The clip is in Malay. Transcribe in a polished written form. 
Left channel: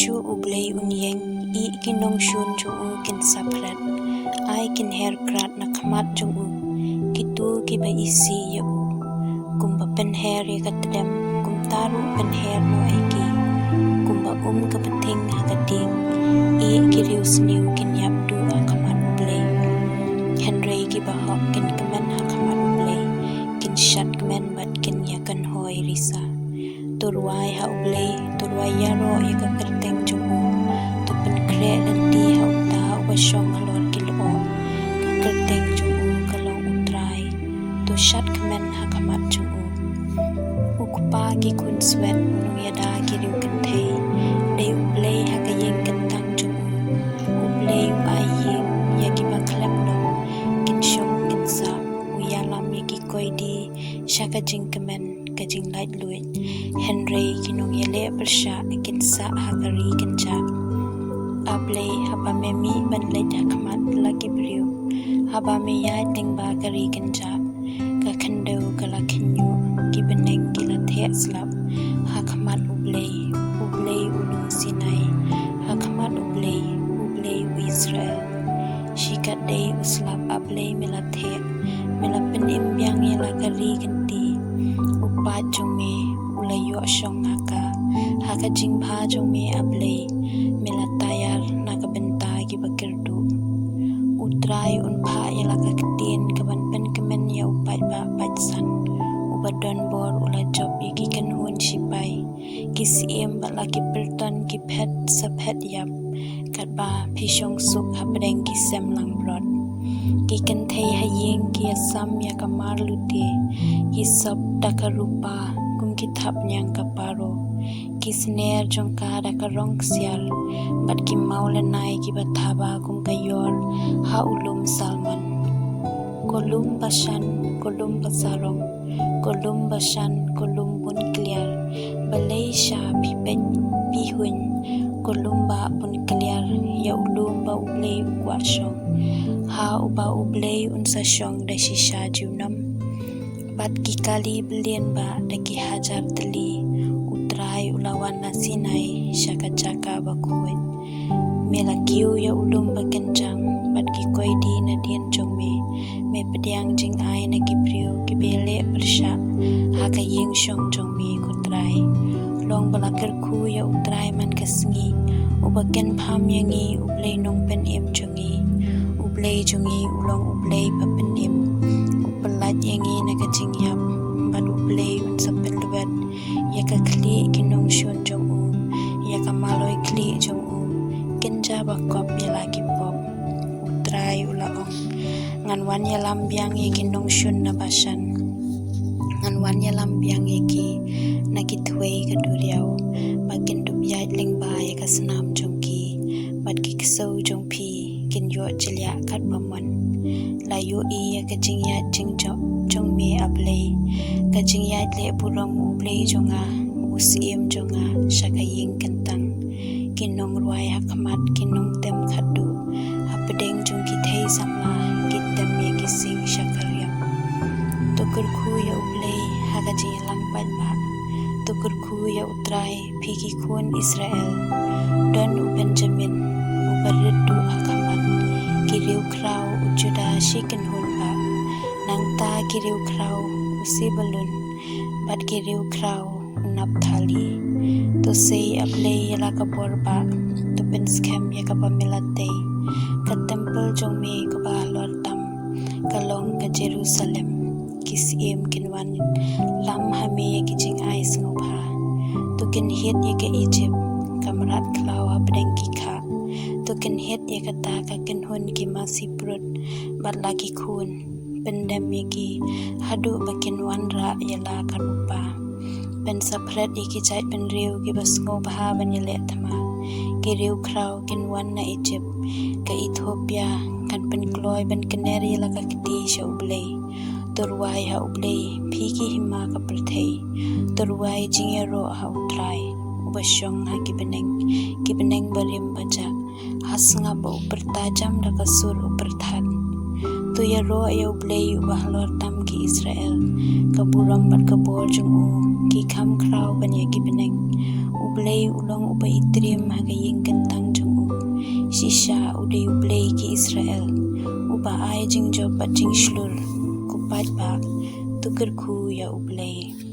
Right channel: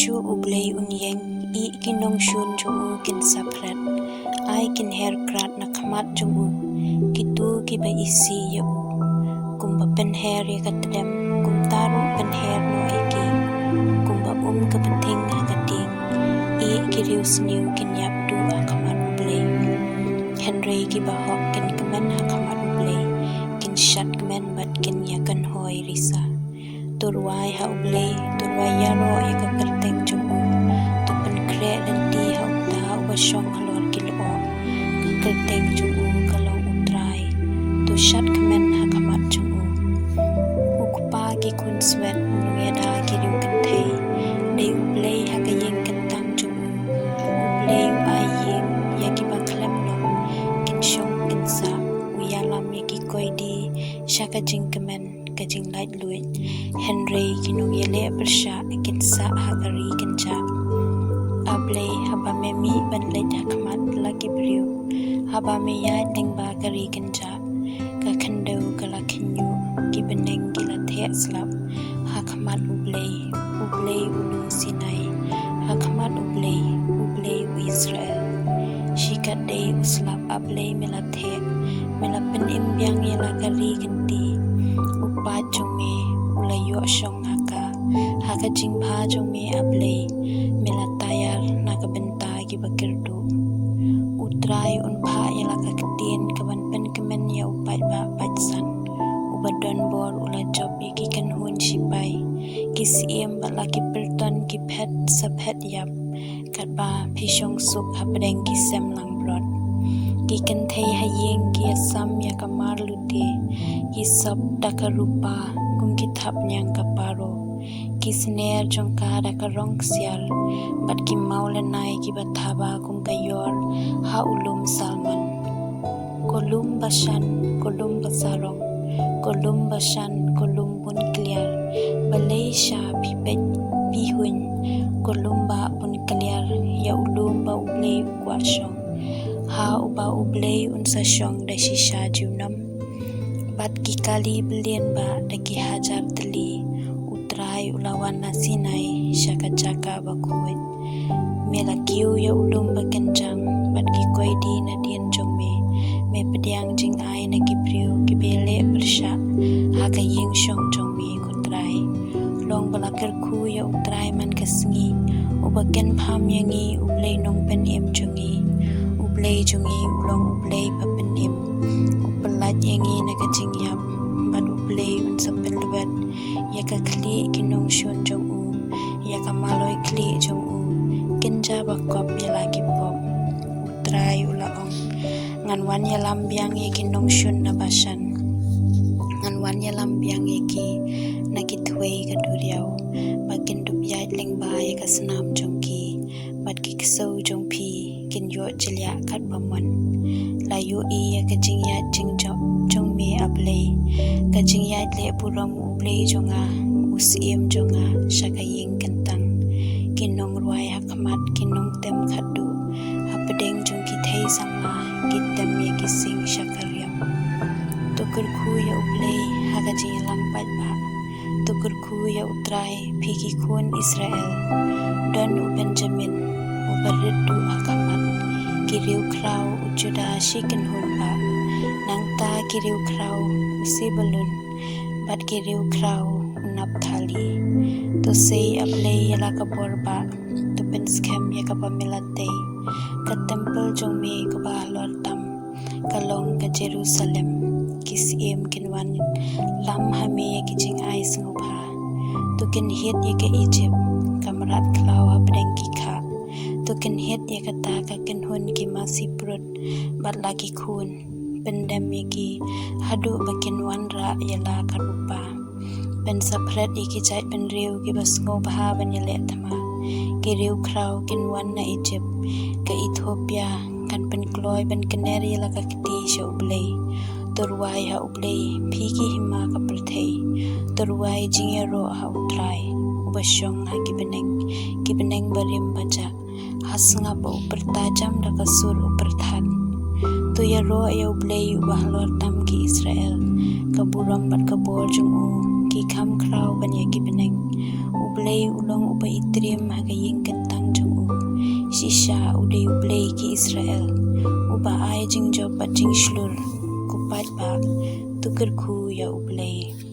Yesu ublei unyeng I kinong shun jung kin saprat ai kin her krat na khamat jung kitu ki ba isi ya kumba pen her ya katdem kum taru pen her no aiki kumba ka penting hakating I kiriu sniu kin yap du akamat ublei Henry ki ba hok kin kemen hakamat ublei kin shat kemen bat kin yakan hoi risa turwai ha ublei turwai yaro ya ka kerteng jung tu pen kre dan ti ha uta ubashong halor kilo ka kerteng jung kalong utrai tu shat kemen hakamat jung ukpa ki kun swet unung yada kiriu kentei dei ublei ha ka yeng kentang jung ublei ai yeng ya ki ba klem long kin shong kin sa uyalam ya ki koi di shaka jing kemen ka jing light luit Henry kinong yele bersha kin sa hakari kin ja ablei haba memi ban leit hakamat lagi briu haba me yai ting ba kari kin ja ka khandeu kala khinyu ki beneng ki la the slap hakamat ublei ulu sinai hakamat ublei Israel shikat dei uslap ablei melathe melapen imbyang yela kari kinti upa jonge ulayo shong haka jingpha jonge ablei melatayar nakabenta ki bakirdu utrai unpha yela kaktin kaban pen kemen ya upai ba pajsan ubadon bor ula job iki kan hun sipai kisiem balaki perton ki phet saphet yap katba phishong suk habdeng ki semlang brod ki kan thei hayeng ki asam ya kamar lute ki sab dakarupa kum ki thap nyang kaparo ki sner jongka dakarong sial bat ki maulenai ki bathaba kum kayor ha ulum salman kolum basarong kolum basan kolum bun clear Malaysia pipet pihun kolumba bun clear ya ulumba ublei ukwashong ha uba ublei unsa shong da shisha junam bat ki kali billion ba da ki hajar teli utrai ulawan nasinai shaka chaka bakuit melakiu ya ulumba kenjang bat ki koidi na dien jongme me pediang jing ai na ki priu ki bele bersha ha ka ying shong jongme kutrai long balakir khu ya utrai man kasngi ubaken pham yangi ublei nong pen em jungi ublei jungi ulong ublei papen em upelat yangi na ka jing yap bat ublei un sapen luet ya ka kli kinong shun jong ya ka maloi kli jong kenja bakop ya lagi pop utrai ulaong ngan wan ya lambiang ya kinong shun na basan ngan wan ya lambiang ya ki na kitwei ka duriao bakin dup yai ling ba ya ka snam jongki bat ki ksau jong phi kin yo chilya khat pamon la yo e ya ka jing ya jing jong me ablei ka jing ya le puram ublei jonga usiem jonga shaka ying kentang kinong ruai hakamat kinong tem khadu hapdeng jong ki thei sama kitam ye ki sing shakaryam tukur khu ya ublei haga ji lampat ba tukur khu ya utrai phiki khun Israel dan u Benjamin u barredu hakamat kiriu krau ujuda shikin hun ba nangta kiriu krau usibalun bat kiriu krau unapthali to say ablei yala ka borba to pen scam ya ka pamilate ka temple jongme ka ba lor tam kalong ka Jerusalem kisiem kinwan lam hame ya ki jing ai snopha to kin het ya ka Egypt kamrat klawa bdeng ki kha to kin het ya ka ta ka kin hun ki masiprut bat lagi khun pendam ya ki hadu bakin wan ra yala ka rupa pen sapret iki chai pen riu ki basngo bha ban yele thama ki riu krau kin wan na Egypt ka Ethiopia kan pen kloi ban kaneri la ka kiti sha ublei turwai ha ublei phiki hima ka perthei turwai jingero ha utrai ubashong ha ki beneng barim baja hasnga ba upertajam da kasur uperthan Tu ya ro ya ublei ubah lor tam ki Israel. Kaburam bat kabor jung ki kam krau ban ya ki beneng. Ublei ulong uba itrim haga ying kentang jung Shisha udai ublei ki Israel. Uba ai jing job bat jing shlur. Kupat ba tukar ku ya ublei.